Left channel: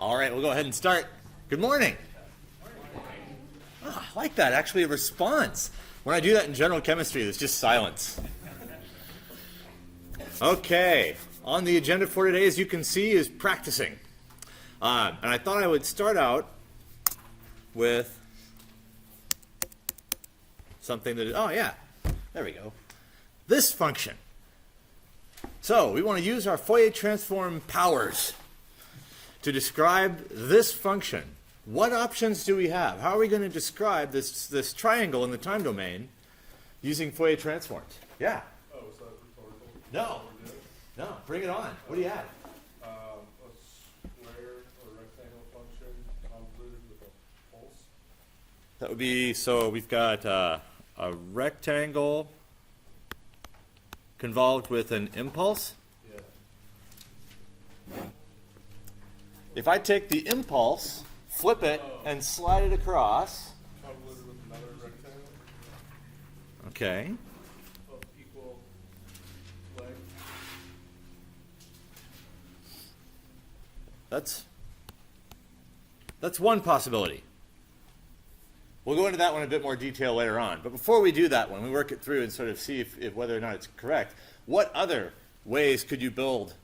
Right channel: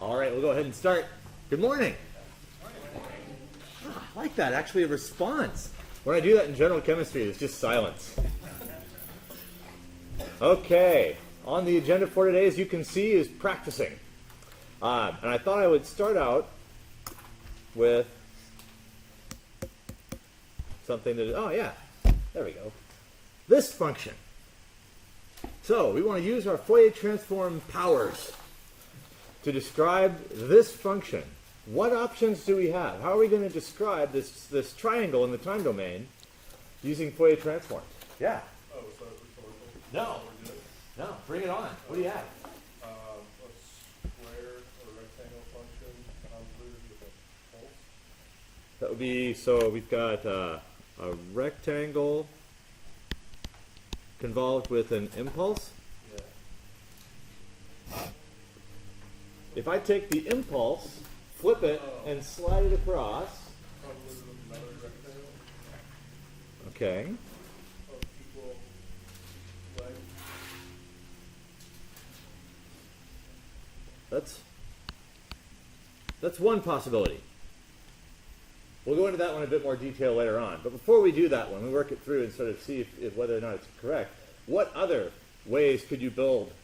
All right, we'll go ahead and start. Good morning. I like that, actually a response. When I do that in general chemistry, there's just silence. Okay, on the agenda for today, as you can see, is practicing. And I thought I would start out with something that, oh yeah, there we go. This function. So we want to use our Fourier Transform powers to describe this function. What options do we have? How are we going to describe this triangle in the time domain using Fourier Transforms? Yeah. Oh, is that rhetorical? No. No, bring it on. What do you have? A square or rectangle function convoluted with a pulse. That would be, so we've got a rectangle convolved with an impulse. Yeah. If I take the impulse, flip it, and slide it across. Convoluted with another rectangle Okay. of equal length. That's one possibility. We'll go into that one in a bit more detail later on. But before we do that one, we work it through and sort of see if whether or not it's correct. What other ways could you build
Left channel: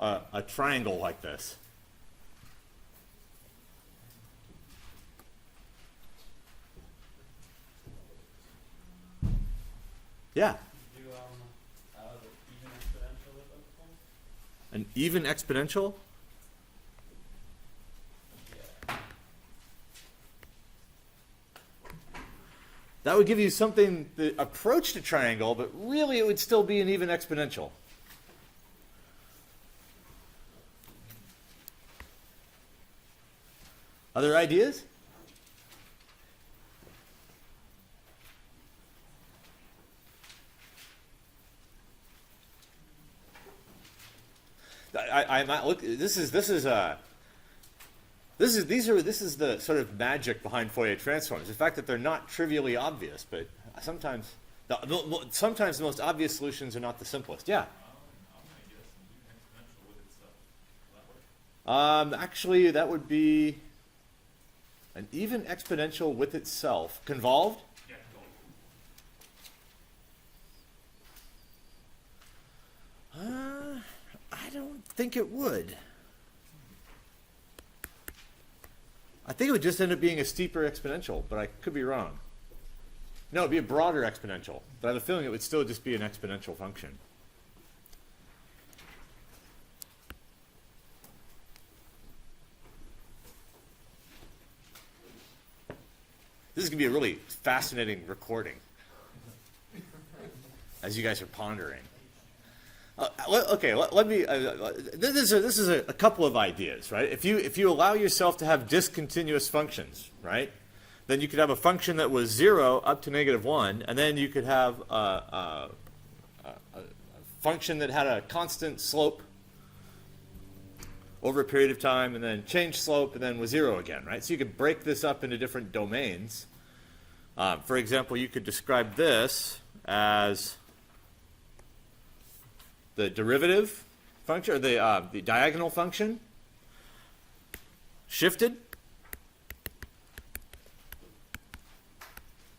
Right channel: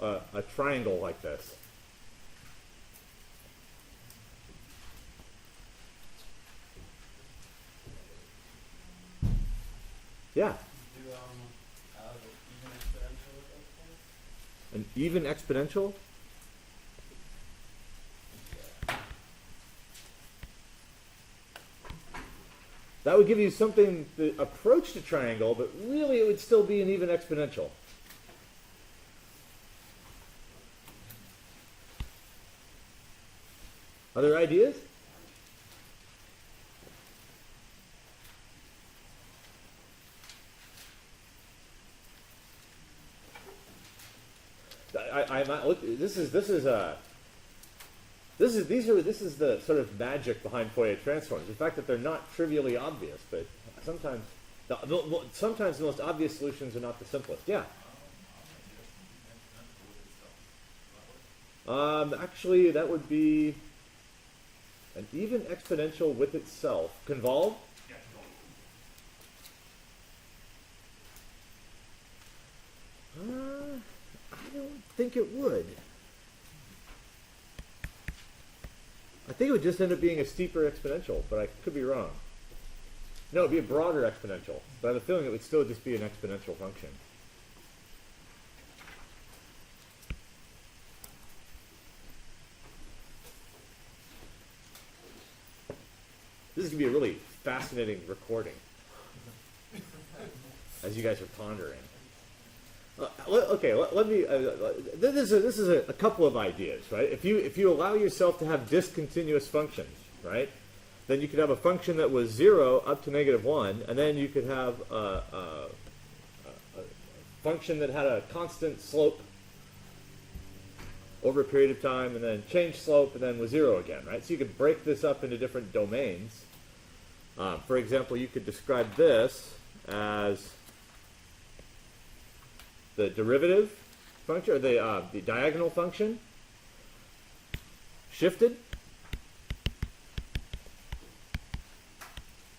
a triangle like this? Yeah. Do even exponential with those things? An even exponential? That would give you something that approached a triangle, but really it would still be an even exponential. Other ideas? I'm not look. This is the sort of magic behind Fourier transforms. The fact that they're not trivially obvious, but sometimes the most obvious solutions are not the simplest. Yeah. Actually, that would be an even exponential with itself. Convolved? I don't think it would. I think it would just end up being a steeper exponential, but I could be wrong. No, it would be a broader exponential, but I have a feeling it would still just be an exponential function. This is going to be a really fascinating recording as you guys are pondering. Okay, let me. This is a couple of ideas, right? If you allow yourself to have discontinuous functions, right, then you could have a function that was 0 up to -1, and then you could have a function that had a constant slope over a period of time, and then change slope, and then was 0 again, right? So you could break this up into different domains. For example, you could describe this as the derivative function, or the diagonal function, shifted,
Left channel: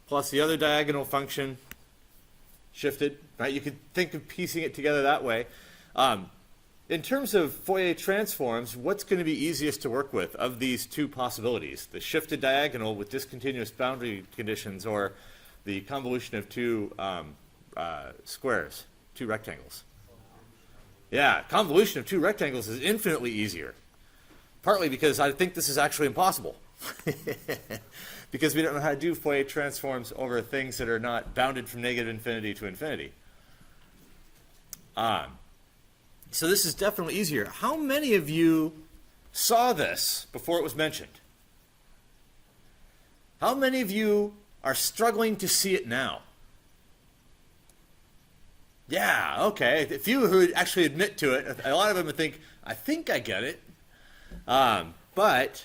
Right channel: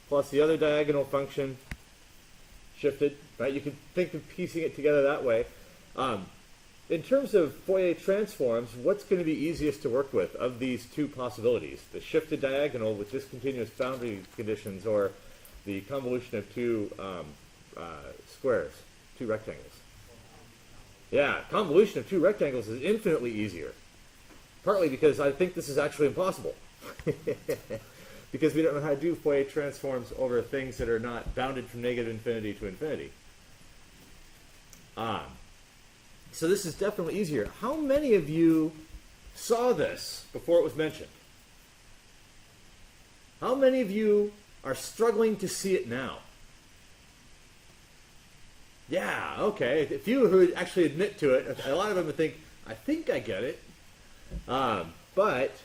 plus the other diagonal function, shifted, right? You could think of piecing it together that way. In terms of Fourier transforms, what's going to be easiest to work with of these two possibilities? The shifted diagonal with discontinuous boundary conditions, or the convolution of two squares, two rectangles? Yeah, convolution of two rectangles is infinitely easier. Partly because I think this is actually impossible. Because we don't know how to do Fourier transforms over things that are not bounded from -infinity to infinity. So this is definitely easier. How many of you saw this before it was mentioned? How many of you are struggling to see it now? Yeah, okay. A few who would actually admit to it. A lot of them would think, I think I get it. But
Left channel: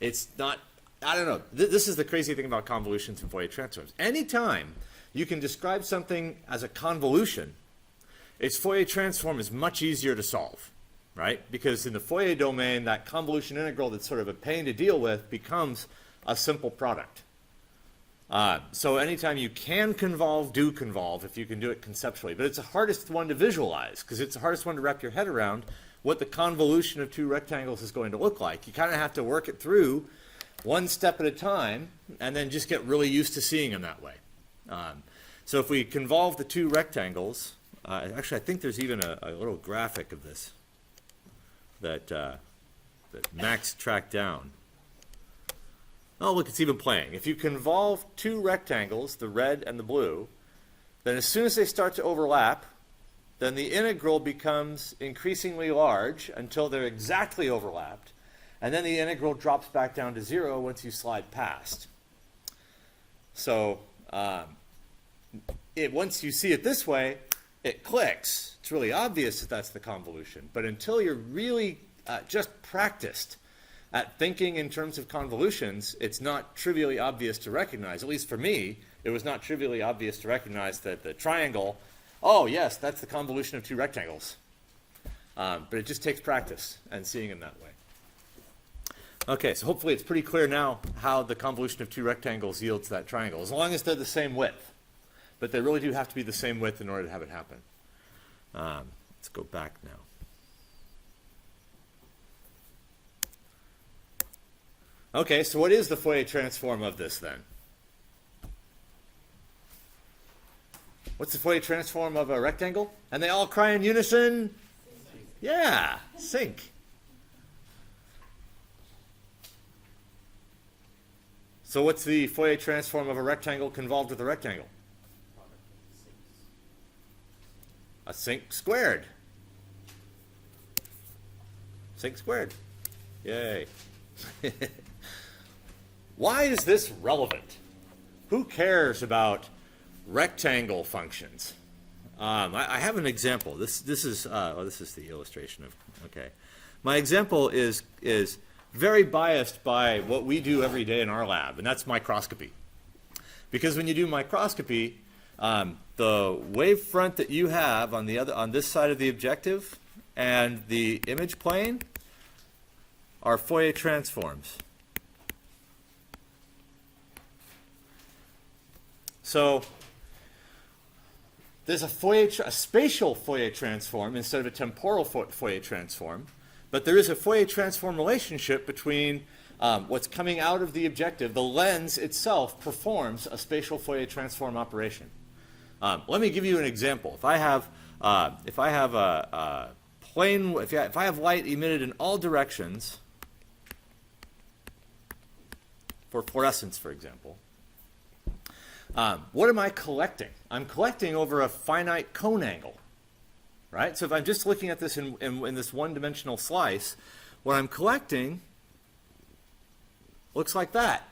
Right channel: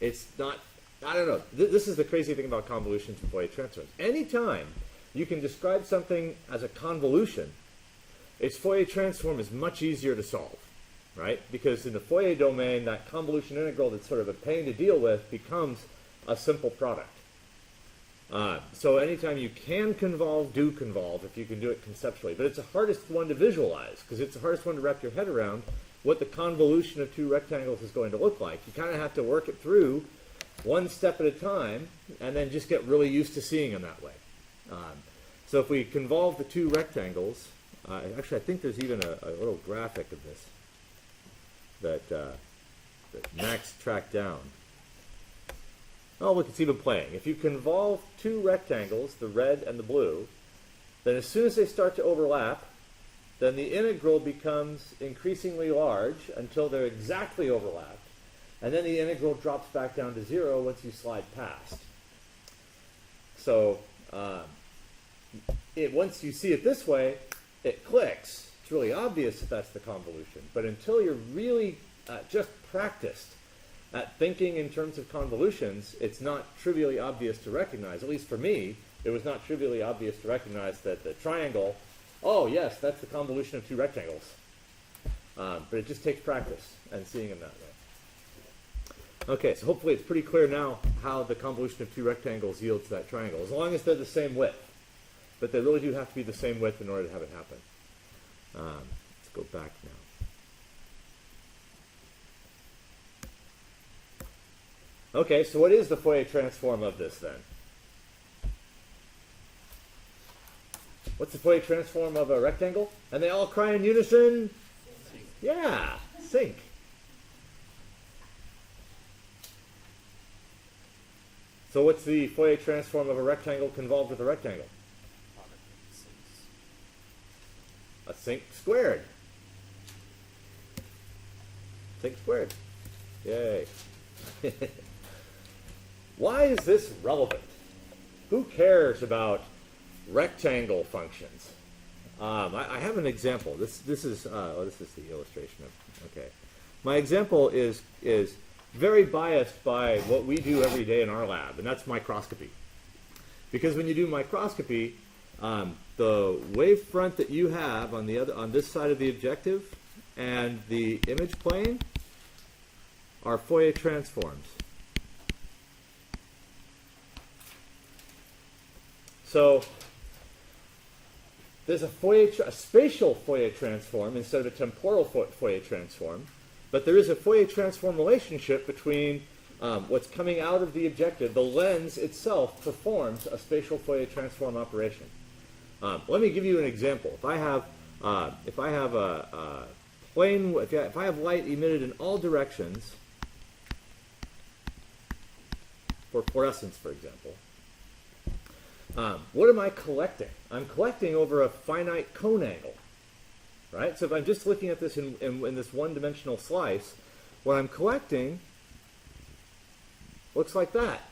it's not, I don't know. This is the crazy thing about convolutions and Fourier transforms. Anytime you can describe something as a convolution, its Fourier transform is much easier to solve. right? Because in the Fourier domain, that convolution integral that's sort of a pain to deal with becomes a simple product. So anytime you can convolve, do convolve if you can do it conceptually. But it's the hardest one to visualize because it's the hardest one to wrap your head around what the convolution of two rectangles is going to look like. You kind of have to work it through one step at a time and then just get really used to seeing them that way. So if we convolve the two rectangles, actually I think there's even a little graphic of this that Max tracked down. Oh, look, it's even playing. If you convolve two rectangles, the red and the blue, then as soon as they start to overlap, then the integral becomes increasingly large until they're exactly overlapped, and then the integral drops back down to 0 once you slide past. So once you see it this way, it clicks. It's really obvious that that's the convolution. But until you're really just practiced at thinking in terms of convolutions, it's not trivially obvious to recognize. At least for me, it was not trivially obvious to recognize that the triangle, oh yes, that's the convolution of two rectangles. But it just takes practice and seeing them that way. Okay, so hopefully it's pretty clear now how the convolution of two rectangles yields that triangle, as long as they're the same width. But they really do have to be the same width in order to have it happen. Let's go back now. Okay, so what is the Fourier transform of this then? What's the Fourier transform of a rectangle? And they all cry in unison? Sync. Yeah, sync. So what's the Fourier transform of a rectangle convolved with a rectangle? A sync squared. Sync squared. Yay. Why is this relevant? Who cares about rectangle functions? I have an example. This is the illustration of. Okay, my example is very biased by what we do every day in our lab, and that's microscopy. Because when you do microscopy, the wavefront that you have on this side of the objective and the image plane are Fourier transforms. So there's a spatial Fourier transform instead of a temporal Fourier transform, but there is a Fourier transform relationship between what's coming out of the objective. The lens itself performs a spatial Fourier transform operation. Let me give you an example. If I have light emitted in all directions for fluorescence, for example. What am I collecting? I'm collecting over a finite cone angle, right? So if I'm just looking at this in this one-dimensional slice, what I'm collecting looks like that.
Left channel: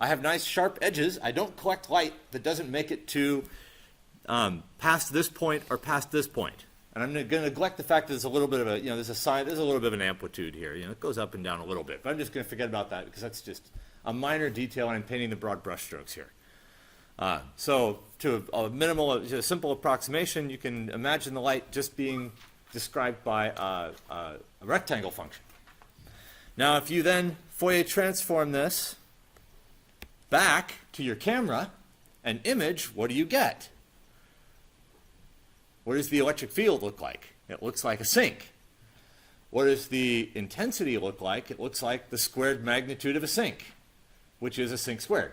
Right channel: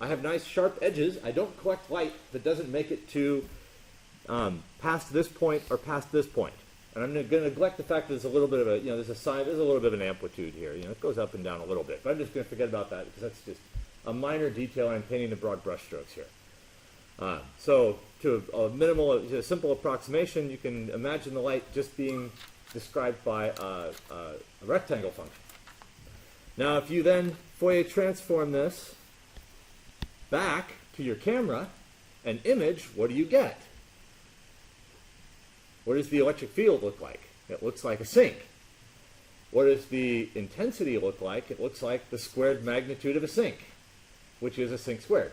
I have nice sharp edges. I don't collect light that doesn't make it to past this point or past this point. And I'm going to neglect the fact that there's a little bit of a, there's a little bit of an amplitude here. It goes up and down a little bit. But I'm just going to forget about that because that's just a minor detail, and I'm painting the broad brushstrokes here. So to a simple approximation, you can imagine the light just being described by a rectangle function. Now, if you then Fourier transform this back to your camera and image, what do you get? What does the electric field look like? It looks like a sink. What does the intensity look like? It looks like the squared magnitude of a sink, which is a sink squared.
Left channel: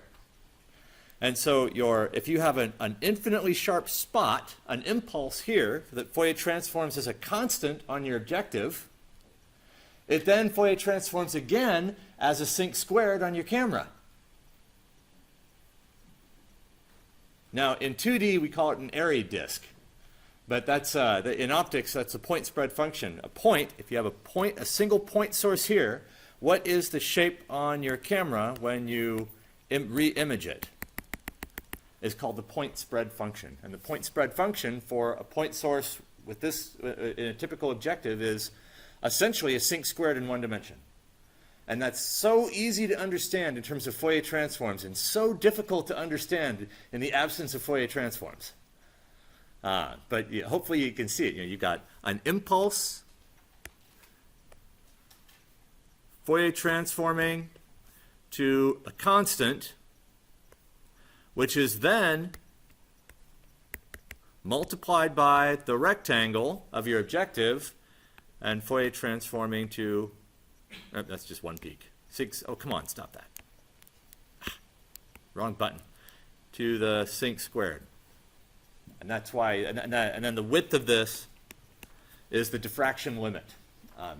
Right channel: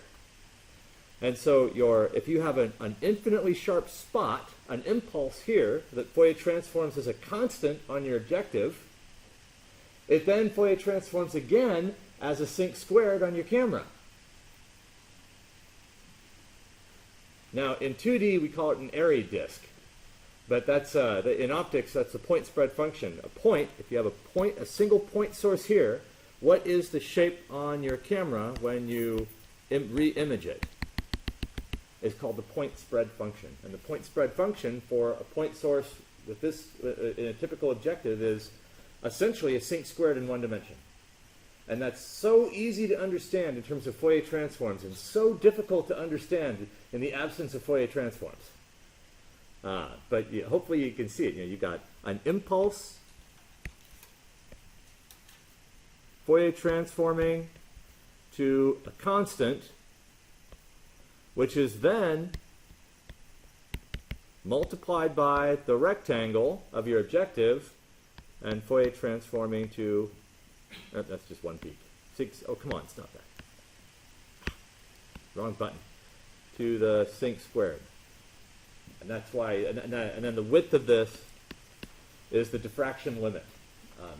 And so if you have an infinitely sharp spot, an impulse here that Fourier transforms as a constant on your objective, it then Fourier transforms again as a sink squared on your camera. Now in 2D we call it an Airy disk, but that's in optics that's a point spread function. A point, if you have a single point source here, what is the shape on your camera when you re-image it? Is called the point spread function. And the point spread function for a point source with this in a typical objective is essentially a sink squared in one dimension. And that's so easy to understand in terms of Fourier transforms and so difficult to understand in the absence of Fourier transforms. But hopefully you can see it. You've got an impulse, Fourier transforming to a constant, which is then multiplied by the rectangle of your objective, and Fourier transforming to, that's just one peak. Oh, come on, stop that. Wrong button. To the sinc squared. And that's why, and then the width of this is the diffraction limit.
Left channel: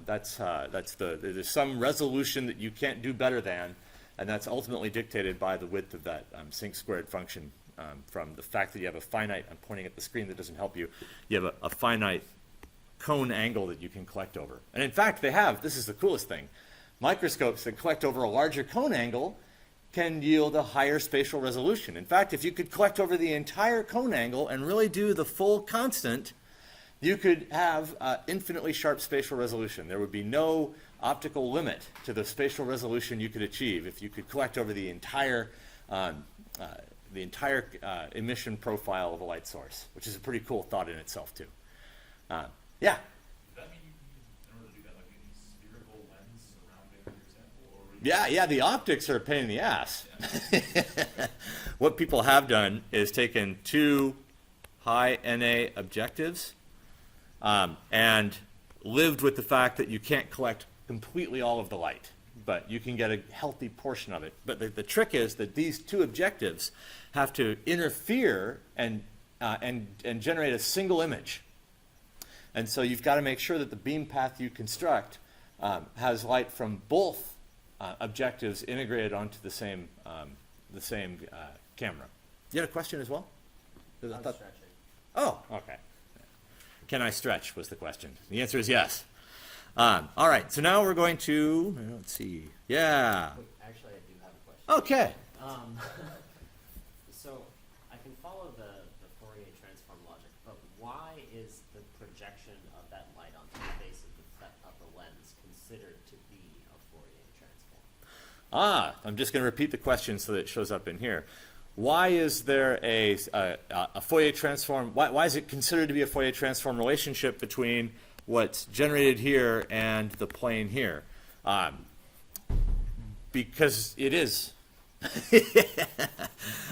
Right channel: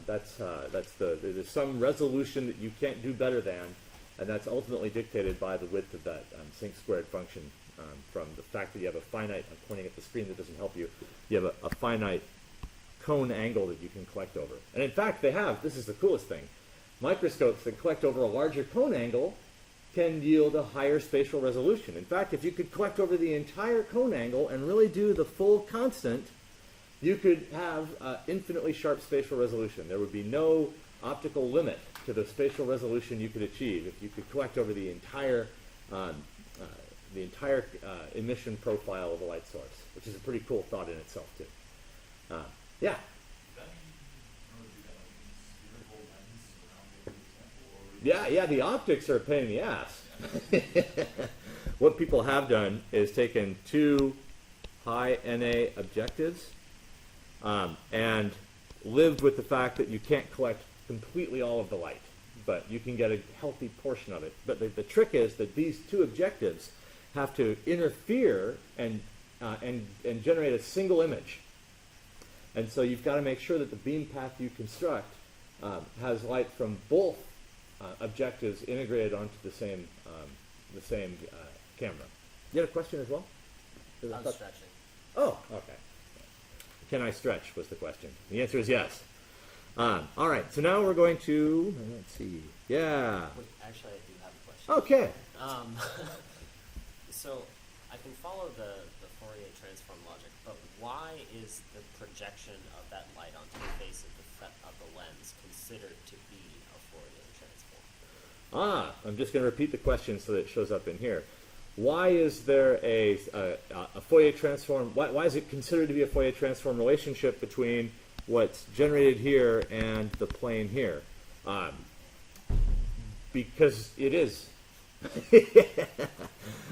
There's some resolution that you can't do better than, and that's ultimately dictated by the width of that sinc squared function. From the fact that you have a finite, I'm pointing at the screen that doesn't help you, you have a finite cone angle that you can collect over. And in fact, they have, this is the coolest thing, microscopes that collect over a larger cone angle can yield a higher spatial resolution. In fact, if you could collect over the entire cone angle and really do the full constant, you could have infinitely sharp spatial resolution. There would be no optical limit to the spatial resolution you could achieve if you could collect over the entire emission profile of a light source, which is a pretty cool thought in itself, too. Yeah? Yeah, the optics are a pain in the ass. What people have done is taken two high NA objectives and lived with the fact that you can't collect completely all of the light, but you can get a healthy portion of it. But the trick is that these two objectives have to interfere and generate a single image. And so you've got to make sure that the beam path you construct has light from both objectives integrated onto the same camera. You had a question as well? I'm stretching. Oh, okay. Can I stretch was the question. The answer is yes. All right, so now we're going to, let's see. Yeah. Actually, I do have a question. Okay. So I can follow the Fourier transform logic, but why is the projection of that light onto the face of the lens considered to be a Fourier transform? I'm just going to repeat the question so that it shows up in here. Why is there a Fourier transform? Why is it considered to be a Fourier transform relationship between what's generated here and the plane here? Because it is.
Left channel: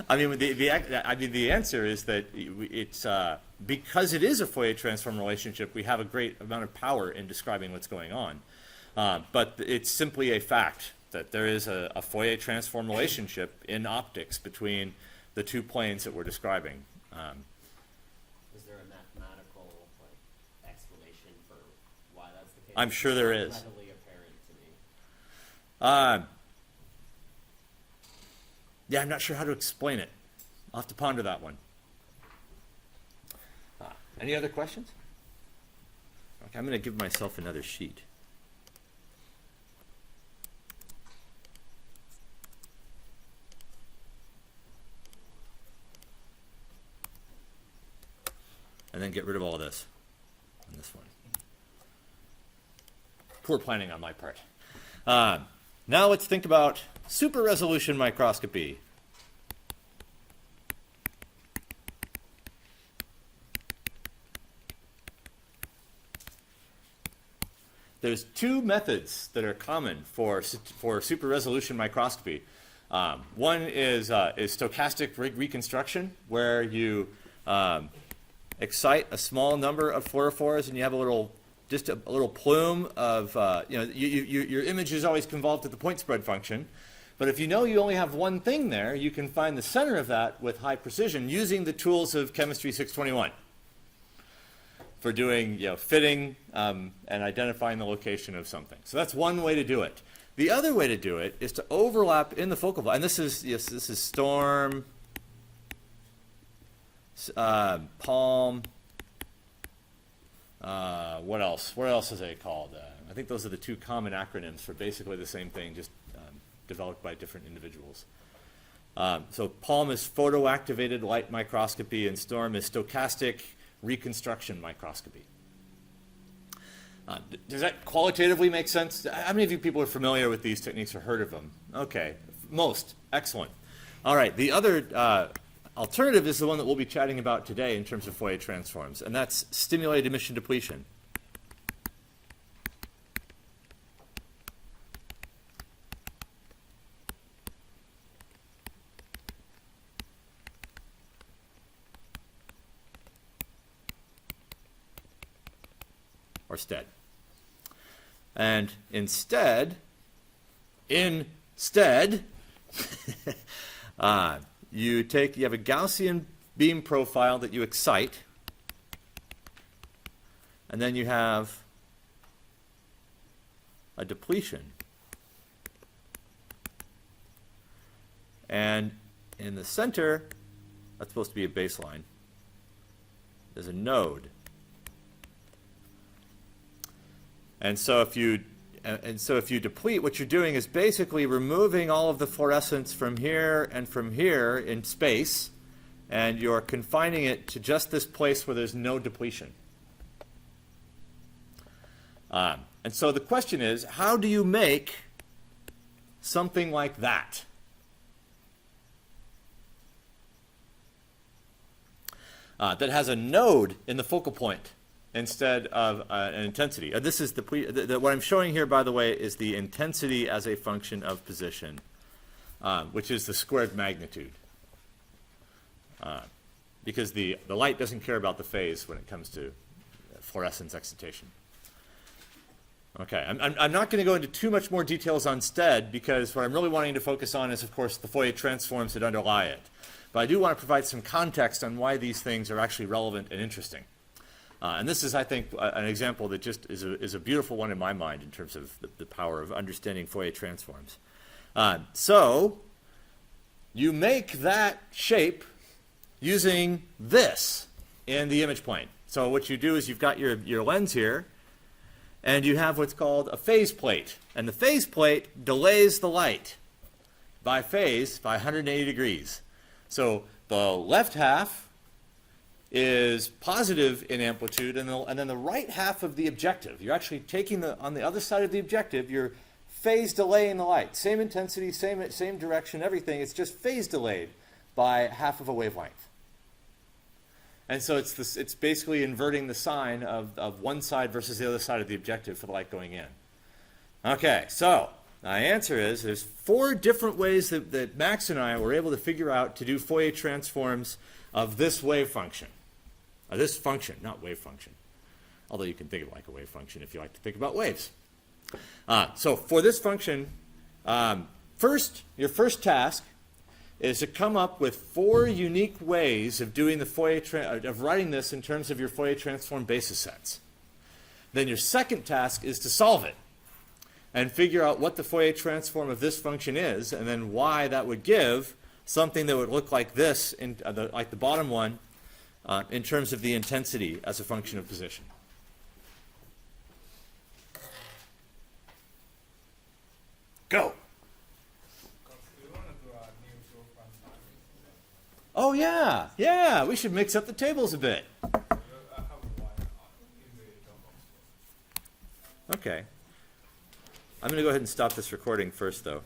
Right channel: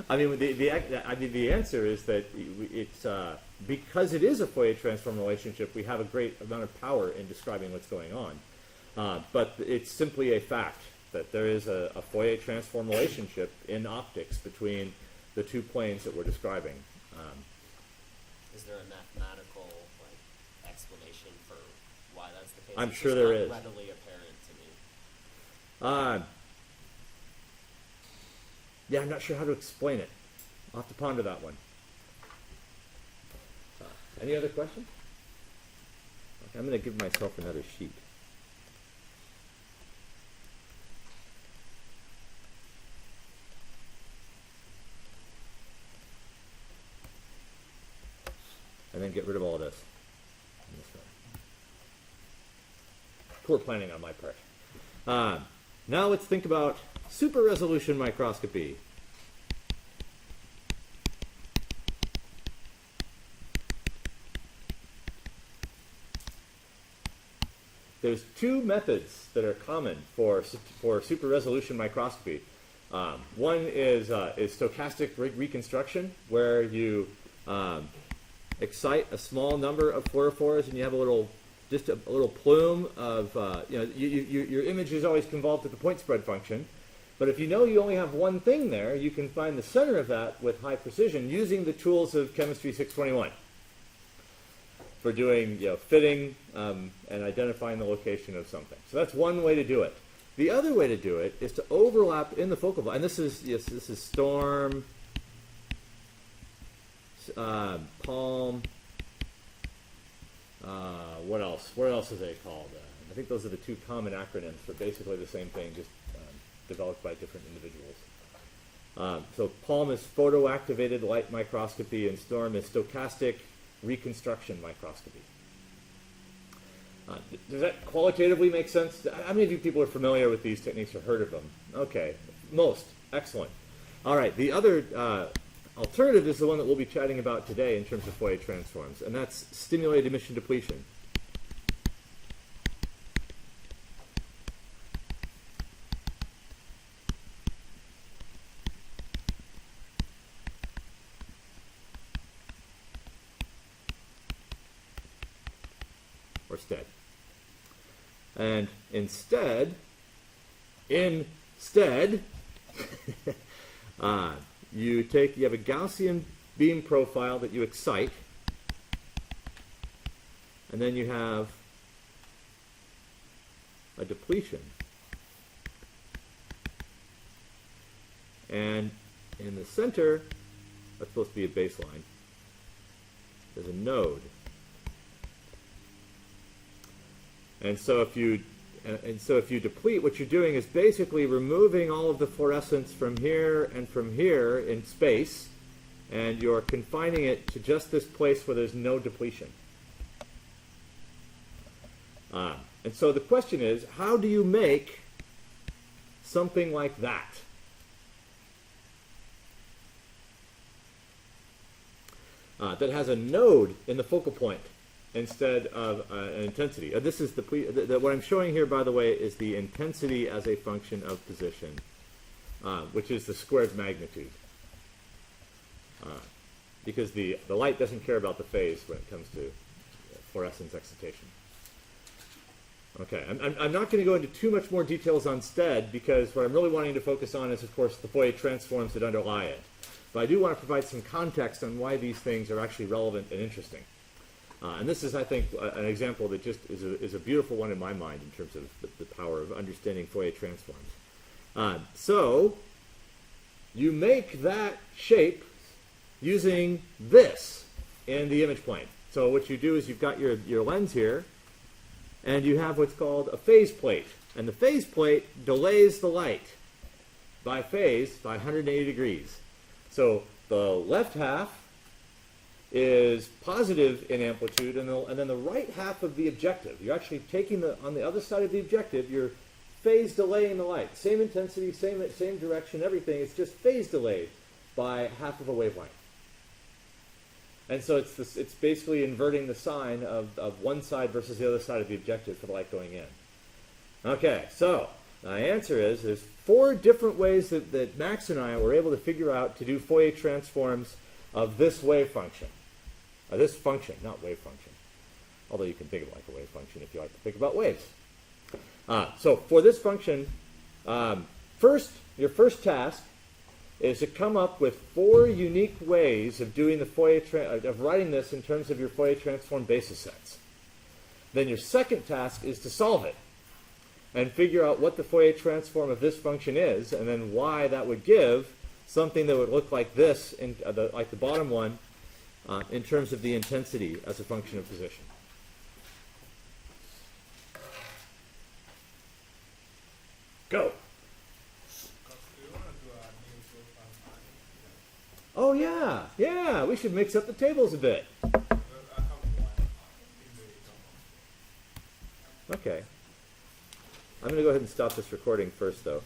I mean, the answer is that it's because it is a Fourier transform relationship. We have a great amount of power in describing what's going on, but it's simply a fact that there is a Fourier transform relationship in optics between the two planes that we're describing. Is there a mathematical explanation for why that's the case? I'm sure there is. It's not readily apparent to me. Yeah, I'm not sure how to explain it. I'll have to ponder that one. Any other questions? Okay, I'm going to give myself another sheet. And then get rid of all of this. This one. Poor planning on my part. Now let's think about super-resolution microscopy. There's two methods that are common for super-resolution microscopy. One is stochastic reconstruction, where you excite a small number of fluorophores, and you have a little plume of, your image is always convolved with the point spread function. But if you know you only have one thing there, you can find the center of that with high precision using the tools of Chemistry 621 for doing fitting and identifying the location of something. So that's one way to do it. The other way to do it is to overlap in the focal plane. And this is Storm, Palm. What else? What else is it called? I think those are the two common acronyms for basically the same thing, just developed by different individuals. So Palm is photoactivated light microscopy, and Storm is stochastic reconstruction microscopy. Does that qualitatively make sense? How many of you people are familiar with these techniques or heard of them? Okay, most. Excellent. All right, the other alternative is the one that we'll be chatting about today in terms of Fourier transforms, and that's stimulated emission depletion. or stead. And instead, you have a Gaussian beam profile that you excite, and then you have a depletion. And in the center, that's supposed to be a baseline, there's a node. And so if you deplete, what you're doing is basically removing all of the fluorescence from here and from here in space, and you're confining it to just this place where there's no depletion. And so the question is, how do you make something like that? That has a node in the focal point instead of an intensity. This is what I'm showing here, by the way, is the intensity as a function of position, which is the squared magnitude. Because the light doesn't care about the phase when it comes to fluorescence excitation. Okay, I'm not going to go into too much more details on stead, because what I'm really wanting to focus on is, of course, the Fourier transforms that underlie it. But I do want to provide some context on why these things are actually relevant and interesting. And this is, I think, an example that just is a beautiful one in my mind in terms of the power of understanding Fourier transforms. So you make that shape using this in the image plane. So what you do is you've got your lens here, and you have what's called a phase plate. And the phase plate delays the light by phase by 180 degrees. So the left half is positive in amplitude, and then the right half of the objective, you're actually taking on the other side of the objective, you're phase delaying the light. Same intensity, same direction, everything. It's just phase delayed by half of a wavelength. And so it's basically inverting the sign of one side versus the other side of the objective for the light going in. Okay, so my answer is there's 4 different ways that Max and I were able to figure out to do Fourier transforms of this wave function. This function, not wave function. Although you can think of it like a wave function if you like to think about waves. So for this function, your first task is to come up with 4 unique ways of doing of writing this in terms of your Fourier transform basis sets. Then your second task is to solve it and figure out what the Fourier transform of this function is, and then why that would give something that would look like this, like the bottom one, in terms of the intensity as a function of position. Go. Oh yeah, we should mix up the tables a bit. Okay. I'm going to go ahead and stop this recording first, though.